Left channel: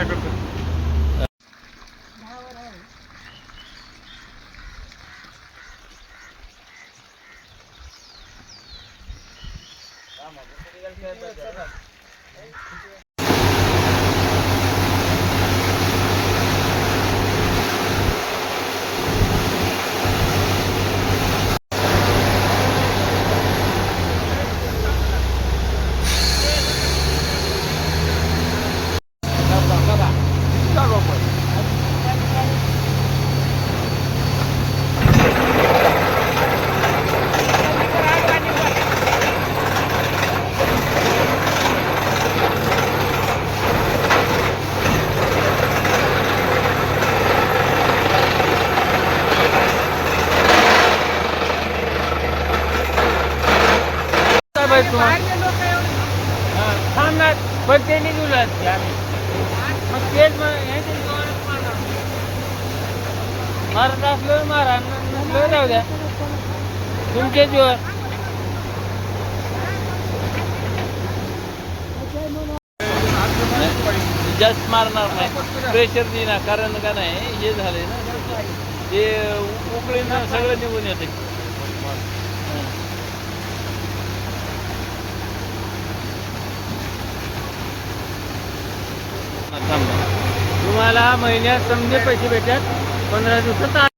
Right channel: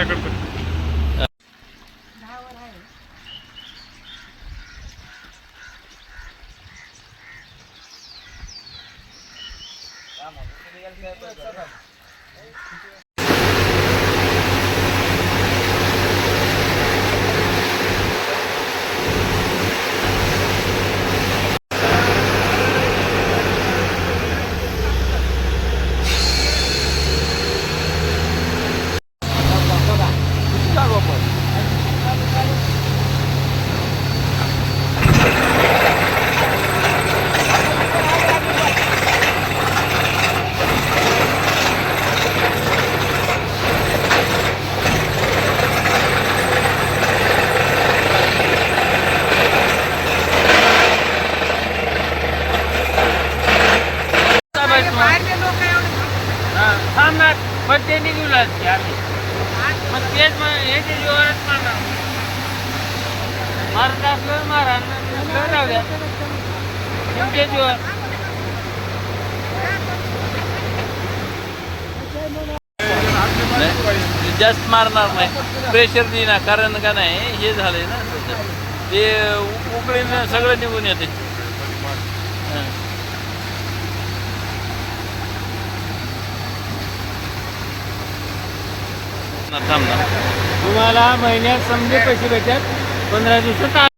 आपल्याकडचं हा, थांबणार पण ते निघून आम्ही मग तेच मग यांच्या जीवावरच मारणार मारत असलं मारा नसलं राहू द्या तुमच्या जास्त मारणार नाही. प्रेशर देणार कारण का नाही हे झालंय ना ते उकळीनं सगळं निघून येते थांब ना तुम्हाला महिन्यात समजे पैसे भेटतात पंधरा दिवसात